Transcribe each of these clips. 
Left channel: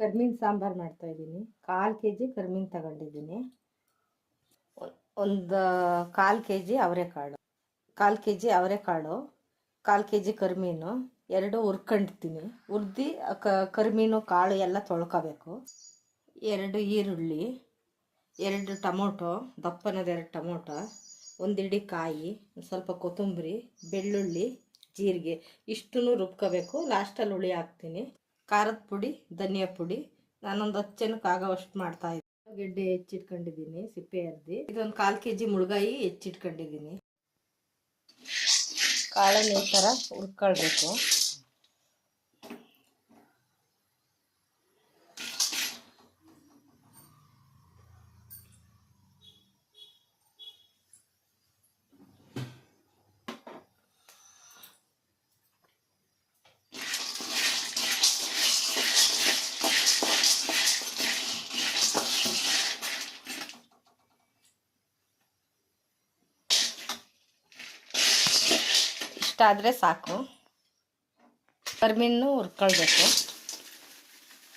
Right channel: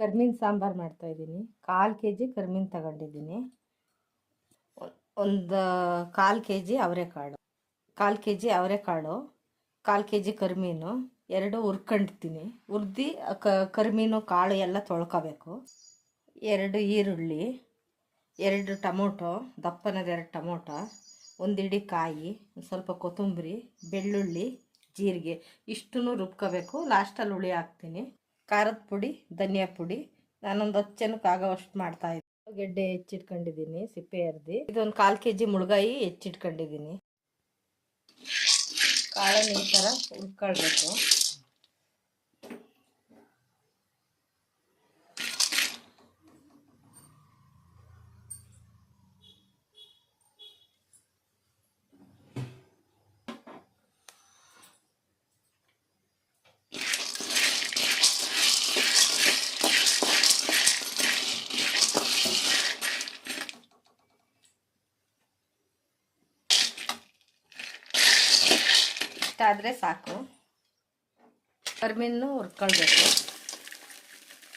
ಕರ್ಮೀನು ಸಾಂಬಾರು ಮಾಡ್ತಾಯಿದ್ದೀನಿ. 1/4 kg ಕರ್ಮೀನು ತಗೊಂಡಿದ್ದೀನಿ. ಒಂದು 1/4 kg ಅವರೆಕಾಳು, 1/4 kg ಅವರೆಕಾಳು, 1/4 kg ಕರ್ಮೀನು, 2 ಹುರ್ಕೊಂಡಿರ್ತೀನಿ. ಹುರ್ದು ಕರ್ಮೀನು ಕಾಳು ಎಲ್ಲ ತೊಳ್ಕೊಬೇಕು. 2 ಈರುಳ್ಳಿ, 2 ಟೊಮೊಟೊ, ದಪ್ಪನದ 2 ಟೊಮೊಟೊ, 1 ಹಿಡಿ ಕಾಯಿ, ಸ್ವಲ್ಪ ಕೊತ್ತಂಬರಿ, ಬೆಳ್ಳುಳ್ಳಿ, ಜೀರಿಗೆ ಇಷ್ಟನ್ನು ರುಬ್ಕೋಬೇಕು. ಲಾಸ್ಟಲ್ಲಿ ಹುಳಿ ಹಾಕ್ತೀನಿ. ಖಾರದ ಪುಡಿ, ಧನಿಯಾ ಪುಡಿ. ನಾನೊಂದು 10 ಜನಕ್ಕೆ ಆಗೋವಷ್ಟು ಮಾಡ್ತಾಯಿದ್ದೀನಿ. ಗೆಡ್ಡೆ ಹೆಚ್ಚಿಟ್ಕೊಂಡಿದ್ದೀನಿ, ಸಿಪ್ಪೆ ಅರ್ದಿ. ಇದೊಂದು 1/4 kg ಮುಳ್ಗಾಯಿ ಹೆಚ್ಚಿಟ್ಕೊಂಡಿದ್ದೀನಿ. ಕಾಳನ್ನು ಈ ಥರ ಹುರ್ಕೊಳ್ಬೇಕು. ಇಷ್ಟಾದರೆ ಸಾಕು. ಕರ್ಮೀನು ಹುರ್ಕೊಳ್ಬೇಕು.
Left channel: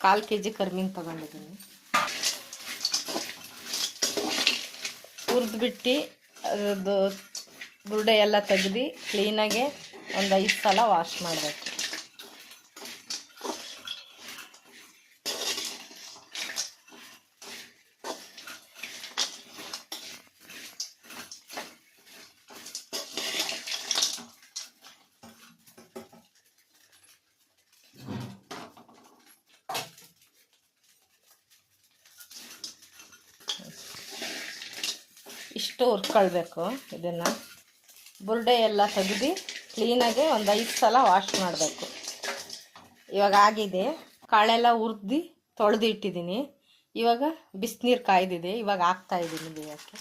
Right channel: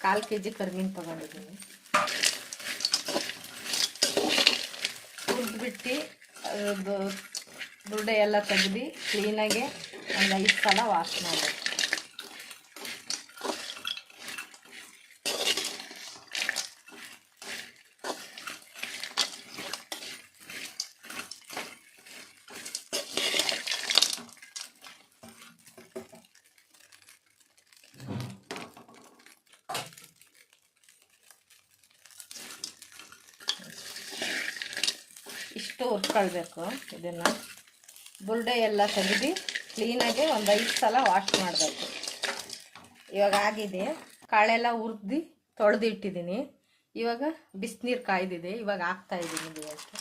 1/4 kg ಕರ್ಮೀನು ತೊಗೊಂಡಿದ್ದೀನಿ. ಹುರಿದ್ಬಿಟ್ಟು ಅದು ಬುರುಡೆ ಎಲ್ಲ ತೆಗೆದು ಕ್ಲೀನಾಗೆ ಒಂದು 5 ಸಲ ವಾಶ್ ಮಾಡಬೇಕು. ಇಷ್ಟು ಹುರ್ಕೊಳ್ಬೇಕು. ಇದನ್ನು ಬುರುಡೆ ಎಲ್ಲ ತೆಗೆದು ಕ್ಲೀನಾಗೆ ಒಂದು 5 ಸಲ ವಾಶ್ ಮಾಡಬೇಕು. ಇವಾಗ ಆಗಿದೆ. ಕಾಳೆಲ್ಲ ಹುರಿದು ತೊಳೆದು ಇಟ್ಟಿದ್ದೀನಿ. ಇವಾಗ ಬಿಸಿನೀರು ಕಾಯ್ದಿದೆ. ಇವಾಗ ಹಾಕ್ತಾಯಿದ್ದೀನಿ ಬೇಯೋಕ್ಕೆ.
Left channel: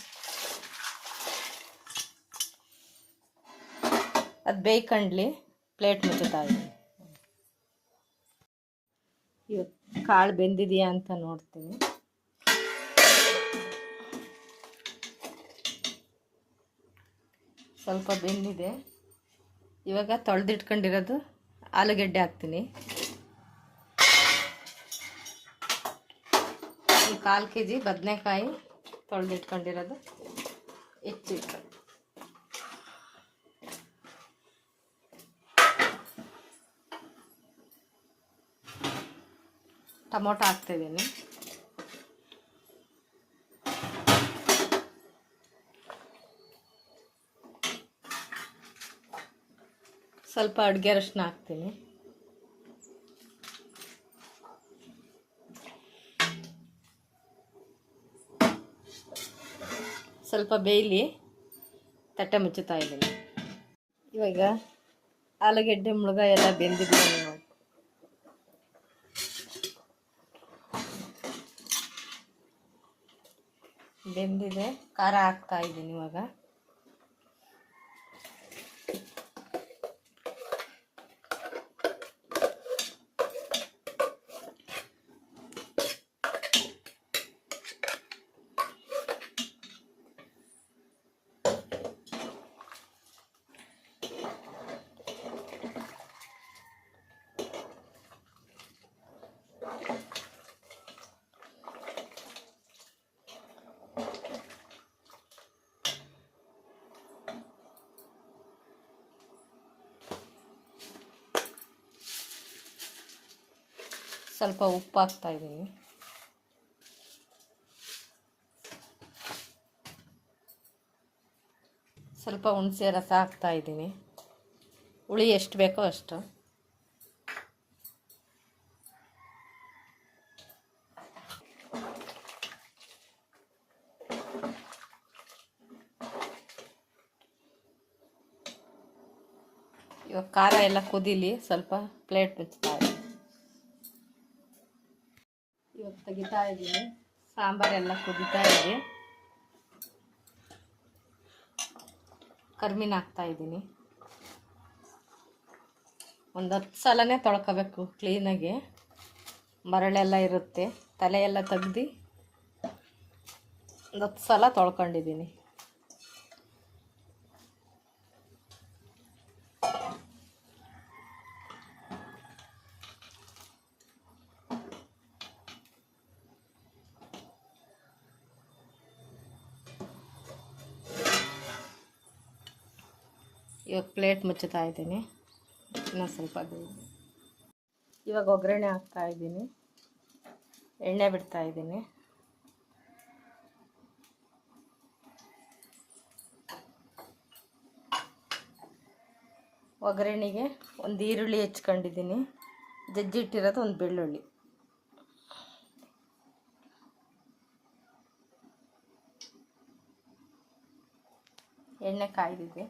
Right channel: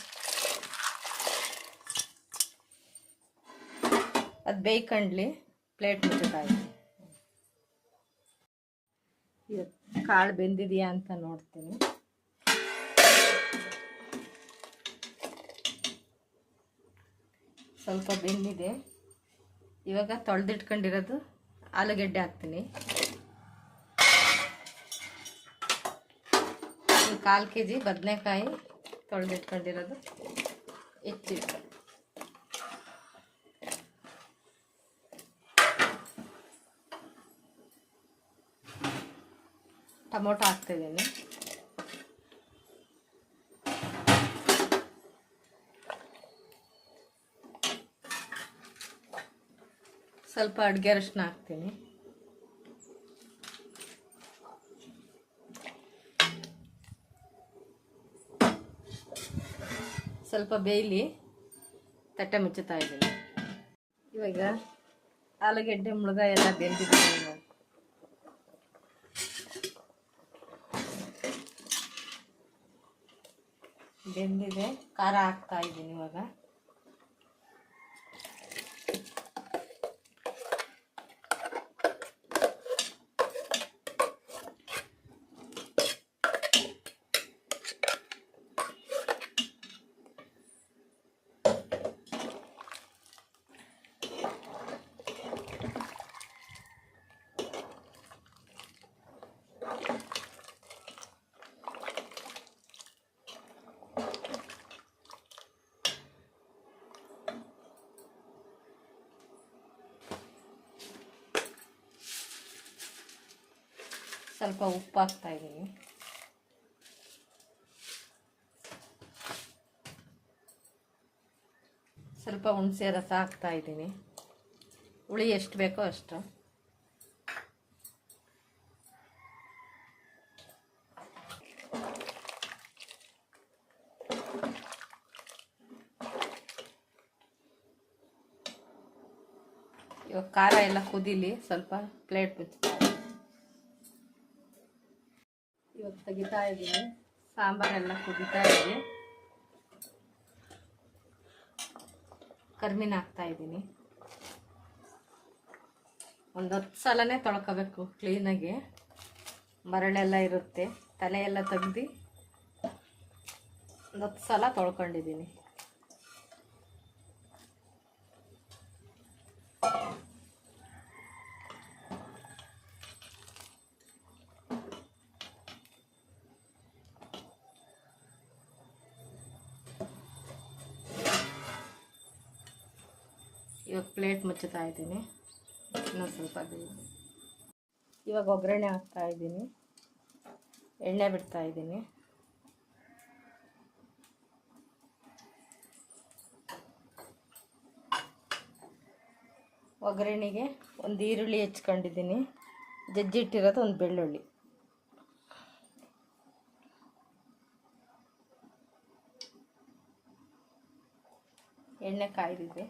ಅದು ಬೇಯ್ಕೊಂಡ್ಲಿ ಪ್ಲೇಟ್ ಮುಚ್ಚುತ್ತಾಯಿದ್ದೀನಿ. ಇವಾಗ ಕಾಳು ಬೆಂದಿದೆಯಾ ಅಂತ ನೋಡ್ತೀನಿ. ಸ್ವಲ್ಪ ಬೆಂದಿದೆ. ಇವಾಗ ತೊಳೆದಿಟ್ಕೊಂಡಿರೋದು ಆಲೂಗೆಡ್ಡೆ ಹಾಕ್ತೀನಿ. 1/4 kg ಬದನೆಕಾಯಿ ತೊಳೆದಿಟ್ಕೊಂಡಿರೋದು ಹೆಚ್ಚಿಟ್ಟು, ಟೊಮೊಟೊ ಹಾಕ್ತಿದ್ದೀನಿ. ಸ್ವಲ್ಪ ಅಡುಗೆ ಅರಿಶಿನ ಹಾಕ್ತೀನಿ. ಸ್ವಲ್ಪ ಬೇಯಲಿ ತಟ್ಟೆ ಮುಚ್ಚುತ್ತಾ ಇದ್ದೀನಿ. ಇವಾಗ ಆಲೂಗೆಡ್ಡೆ ಮುಳುಗಾಯಿ ಎಲ್ಲ ಬೆಂದಿದ್ದೀನಿ. ಬೆಂದಿದೆ. ಖಾರ ಹಾಕ್ತಾ ಇದ್ದೀನಿ. ಇವಾಗ ಸ್ವಲ್ಪ ಉಪ್ಪು ಹಾಕ್ತಾ ಇದ್ದೀನಿ. ಸ್ವಲ್ಪ ಹುಣಸೆ ರಸ ಹಾಕ್ತಾ ಇದ್ದೀನಿ. ಹುಳಿ ಎಷ್ಟು ಬೇಕೋ ಅಷ್ಟು. ಇವಾಗ ಖಾರ ಎಲ್ಲ ಕುದೀಲಿ. ಸ್ವಲ್ಪ ಪ್ಲೇಟ್ ಮುಚ್ತಾ ಇದ್ದೀನಿ. ಇವಾಗ ತೆಗಿತಾ ಇದ್ದೀನಿ. ಸಾಂಬಾರೆಲ್ಲ ಕುದೀತಾ ಇದೆ. ಕರ್ಮೀನು ಹಾಕ್ತಾ ಇದ್ದೀನಿ. ಒಂದು 10 ಸಲನೇ ತೊಳ್ಕೊಬೇಕು ಕ್ಲೀನಾಗಿ. ಮರಳೆಲ್ಲ ಇರುತ್ತೆ. ತಲೆ ಎಲ್ಲ ತೆಗ್ದು ಒಂದು 10 ಸಲ ತೊಳ್ಕೊಂಡಿದ್ದೀನಿ. ಇವಾಗ ಪ್ಲೇಟ್ ಮುಚ್ಚುತ್ತಾ ಇದ್ದೀನಿ. ಇನ್ನೊಂದು ಸ್ವಲ್ಪ ಬೇಯಿಸಿ. ಇವಾಗ ಒಗ್ಗರಣೆ ಹಾಕ್ತಾ ಇದ್ದೀನಿ. ಎಣ್ಣೆ ಬಿಡ್ತಾ ಇದ್ದೀನಿ. ಒಗ್ಗರಣೆಗೆ ಒಂದು ಈರುಳ್ಳಿ ಹೆಚ್ಕೊಂಡಿದ್ದೀನಿ, ಜಜ್ಜಿಟ್ಟಿರೋದು ಒಂದು ಬೆಳ್ಳುಳ್ಳಿ. ಎಣ್ಣೆ ಕಾಯ್ದಿದೆ.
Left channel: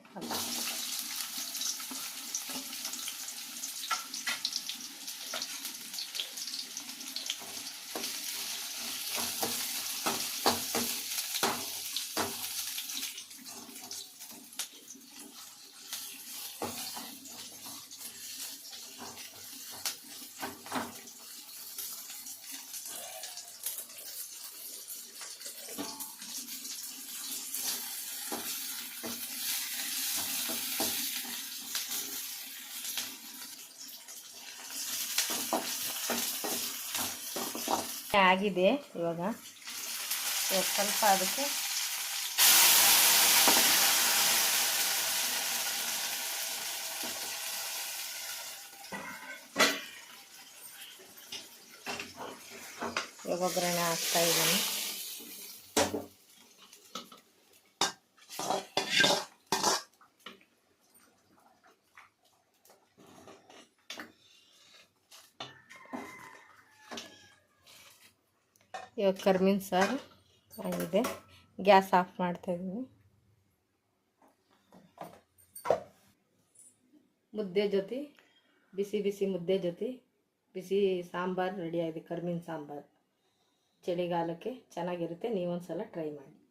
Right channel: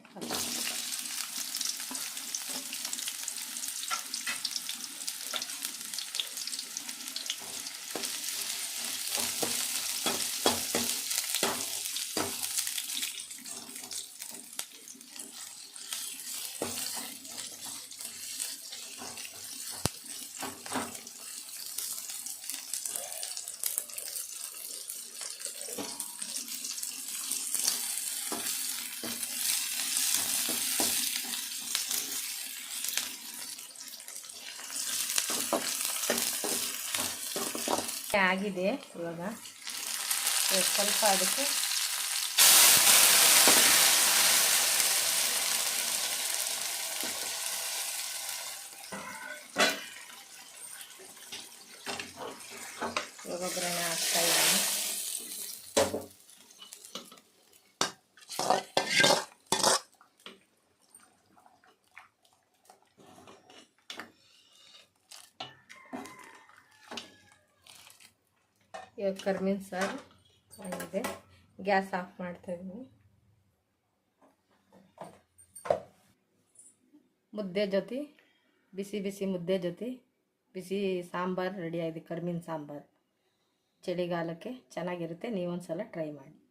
ಆಗಿದೆ. ಇವಾಗ ಸ್ವಲ್ಪ ಅದಕ್ಕೆ ಇವಾಗ ಒಗ್ಗರಣೆ ಹಾಕ್ತಾ ಇದ್ದೀನಿ. ಇವಾಗ ಕರ್ಬೇವಿನ ಸಾರು ಆಗಿದೆ. ಗ್ಯಾಸ್ ಆಫ್ ಮಾಡ್ತಾಯಿದ್ದೀನಿ. ಮುದ್ದೆ ಜೊತೆ ಬಿಸಿ ಬಿಸಿ ಮುದ್ದೆ ಜೊತೆ ಬಿಸಿ ಸಾಂಬಾರು ರೆಡಿ ಆಗಿದೆ. ಕರ್ಬೇವಿನ ಸಾಂಬಾರು ಚಳಿಗಾಲಕ್ಕೆ ಚೆನ್ನಾಗಿರುತ್ತೆ. ನೀವೊಂದು ಸಲ ಟ್ರೈ ಮಾಡಿ.